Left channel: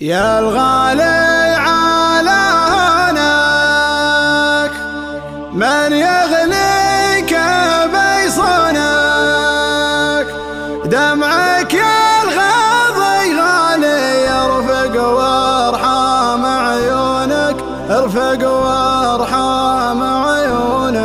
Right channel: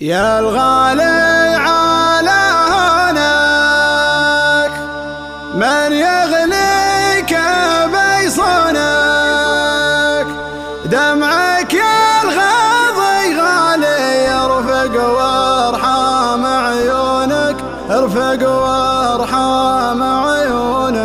يا الغالي على هناك من يغليك بيصونك، دمعك يا الغاضي غالي يرفق وارحام عيونك، ارفق وارحام عيونك.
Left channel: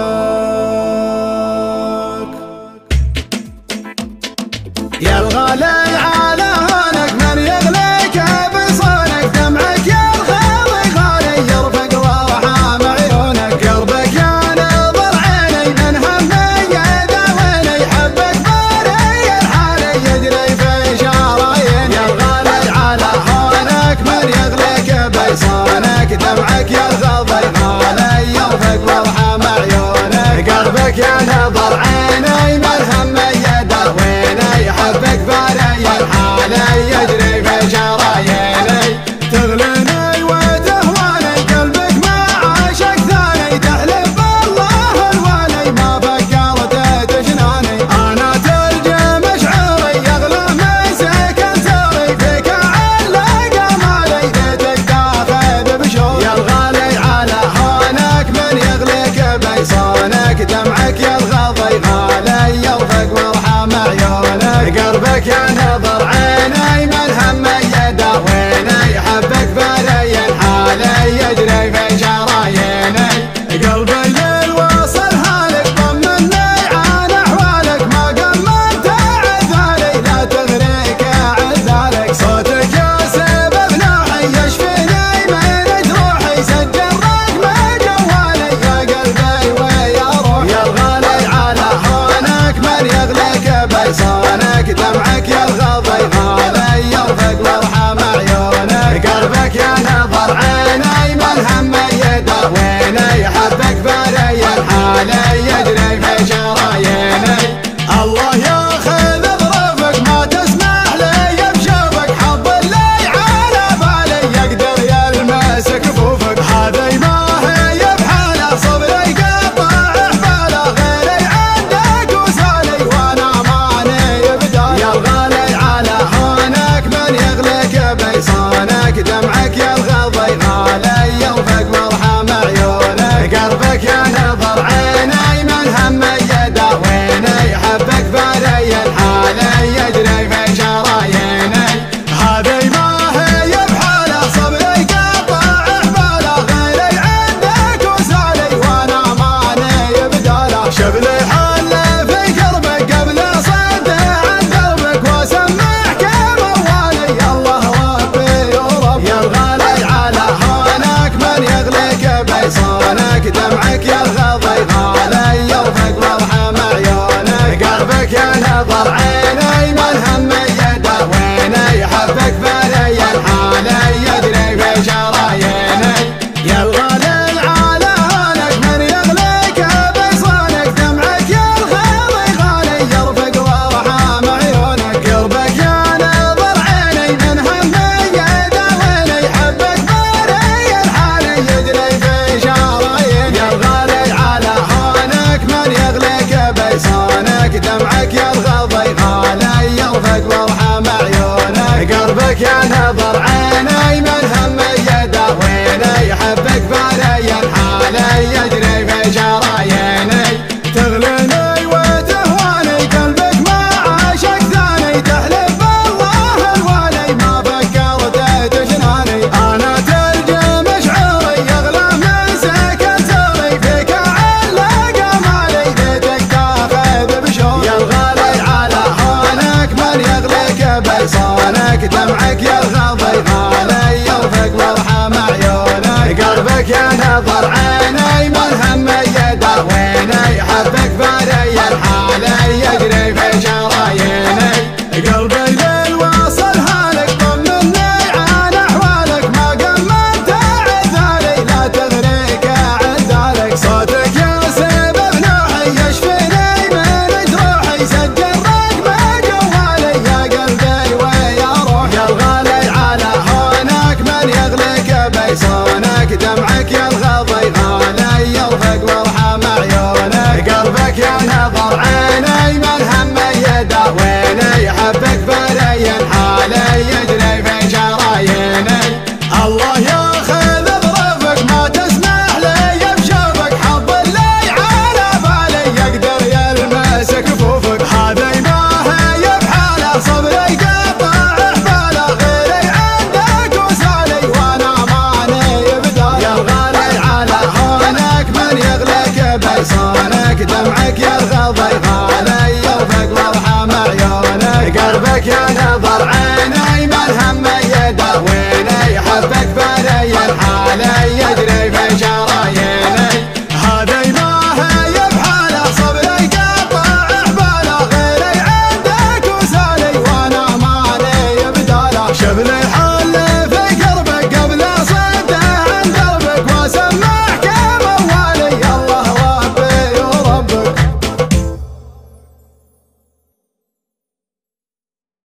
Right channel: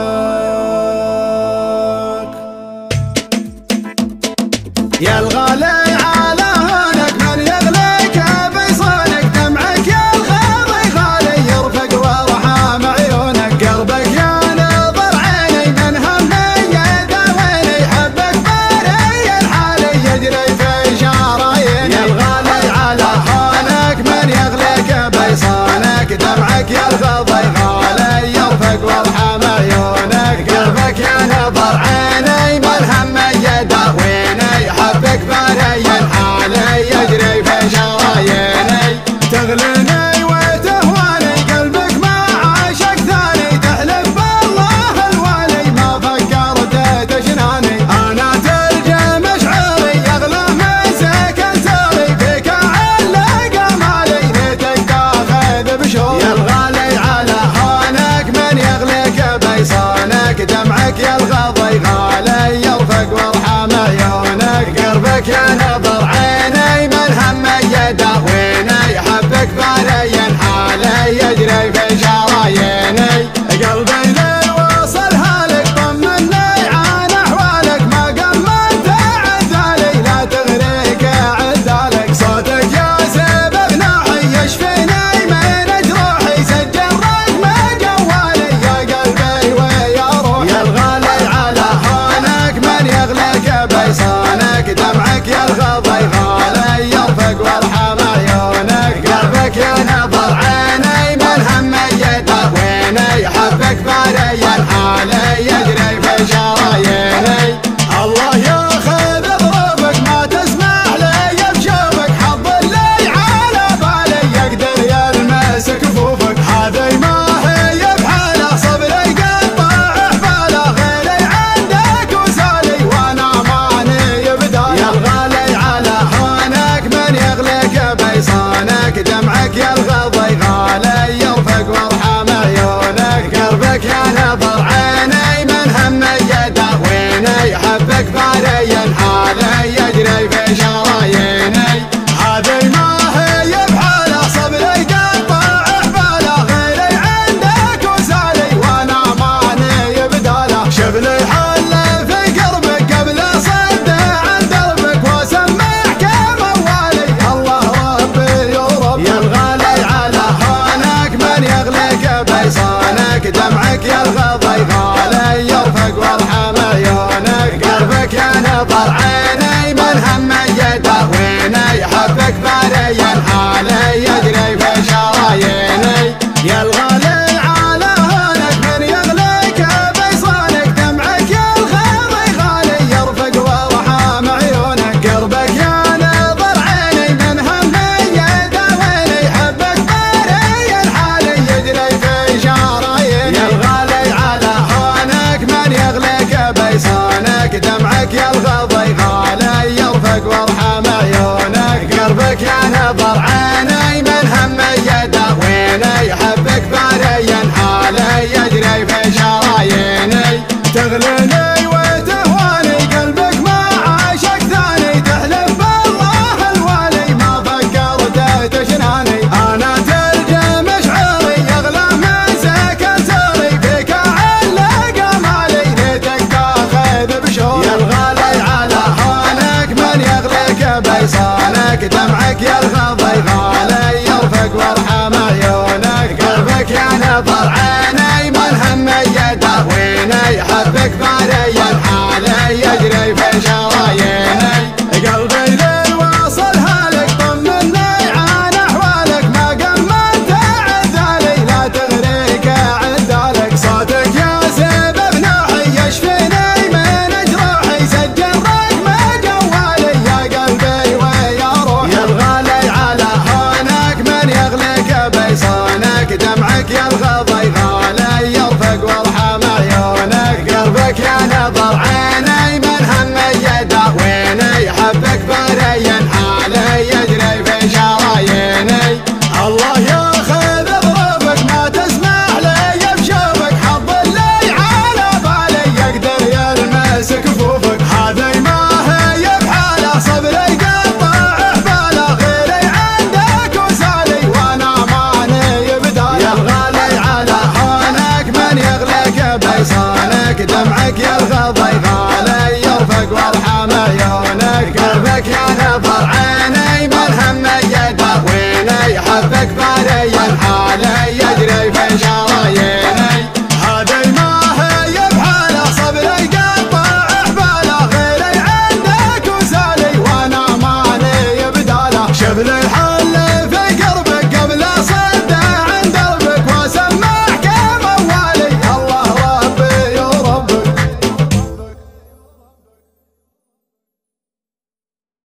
يا الغالي على هناك من يغليك بيصونك، دمعك يا الغاضي غالي يرفق وارحام عيونك، قلبك يا نظر عيني من همي يداويني، حبك باري الحالي يجري في شراييني. يا الغالي على هناك من يغليك بيصونك، دمعك يا الغاضي غالي يرفق وارحام عيونك، قلبك يا نظر عيني من همي يداويني، حبك باري الحالي يجري في شراييني. تغليني وتهواني قلبك ما عاشق ثاني، تحلف بالله الوالي ما فكرت تجناني. انا تلجى مشعري يغلى من سكن سري، فيك علق امالي ليتك تاخذ بشوري. يا الغالي على هونك من يغليك بيصونك، دمعك يا الغاضي غالي يرفق وارحام عيونك، قلبك يا نظر عيني من همي يداويني، حبك باري حالي يجري في شراييني. قلبي ليل وصل هالك طمني عن احوالك، ما قمنت عذالي لا تغريك عذالك، صوتك يا سبب ناحي يشفيني من جروحي، سجل رقم جوالي يا قلبي ويا روحي. يا الغالي على هونك من يغليك بيصونك، دمعك يا الغاضي غالي يرفق وارحام عيونك، قلبك يا نظر عيني من همي يداويني، حبك باري الحالي يجري في شراييني. الله ياخذ ظروفك ما تسمح لي بشوفك، حظ اللي على بالي يقدر يلمس كفوفك، هذي ما هي بحاله صبري قطع احباله، غيري عندك وسالي وانا ماني بدايه. يا الغالي على هونك من يغليك بيصونك، دمعك يا الغاضي غالي يرفق وارحام عيونك، قلبك يا نظر عيني من همي يداويني، حبك باري الحالي يجري في شراييني. هذي ما هي بحاله صبري قطع احباله، غيري عندك وسالي وانا ماني بداله، شبلي حل في قربك قبل صد عن دربك، واسمعك موالي الله ربي ورب. يا الغالي على هونك من يغليك بيصونك، دمعك يا الغاضي غالي يرفق وارحام عيونك، قلبك يا نظر عيني من همي يداويني، حبك باري الحالي يجري في شراييني. يا الغالي على هونك من يغليك بيصونك، دمعك يا الغاضي غالي يرفق وارحام عيونك، قلبك يا نظر عيني من همي يداويني، حبك باري الحالي يجري في شراييني. يا الغالي على هونك من يغليك بيصونك، دمعك يا الغاضي غالي يرفق وارحام عيونك، قلبك يا نظر عيني من همي يداويني، حبك باري الحالي يجري في شراييني. تغليني وتهواني قلبك ما عاشق ثاني، تحلف بالله الوالي ما فكرت تجناني. انا تلجى مشعري يغلى من سكن سري، فيك علق امالي ليتك تاخذ بشوري. يا الغالي على هونك من يغليك بيصونك، دمعك يا الغاضي غالي يرفق وارحام عيونك، قلبك يا نظر عيني من همي يداويني، حبك باري الحالي يجري في شراييني. قلبي ليل وصل هالك طمني عن احوالك، ما قمنت عذالي لا تغريك عذالك، صوتك يا سبب نوحي يشفيني من جروحي، سجل رقم جوالي يا قلبي ويا روحي. يا الغالي على هونك من يغليك بيصونك، دمعك يا الغاضي غالي يرفق وارحام عيونك، قلبك يا نظر عيني من همي يداويني، حبك باري حالي يجري في شراييني. دمعك يرغض غالي يرفق وارحم عيونك قلبك يا نظر عيني ملهم يداويني حبك بالي الحالي يجري في شراييني هذي ما هي بحاله صبري قطع حباله غيري عندك وسالي وانا مالي بداله شبل الحال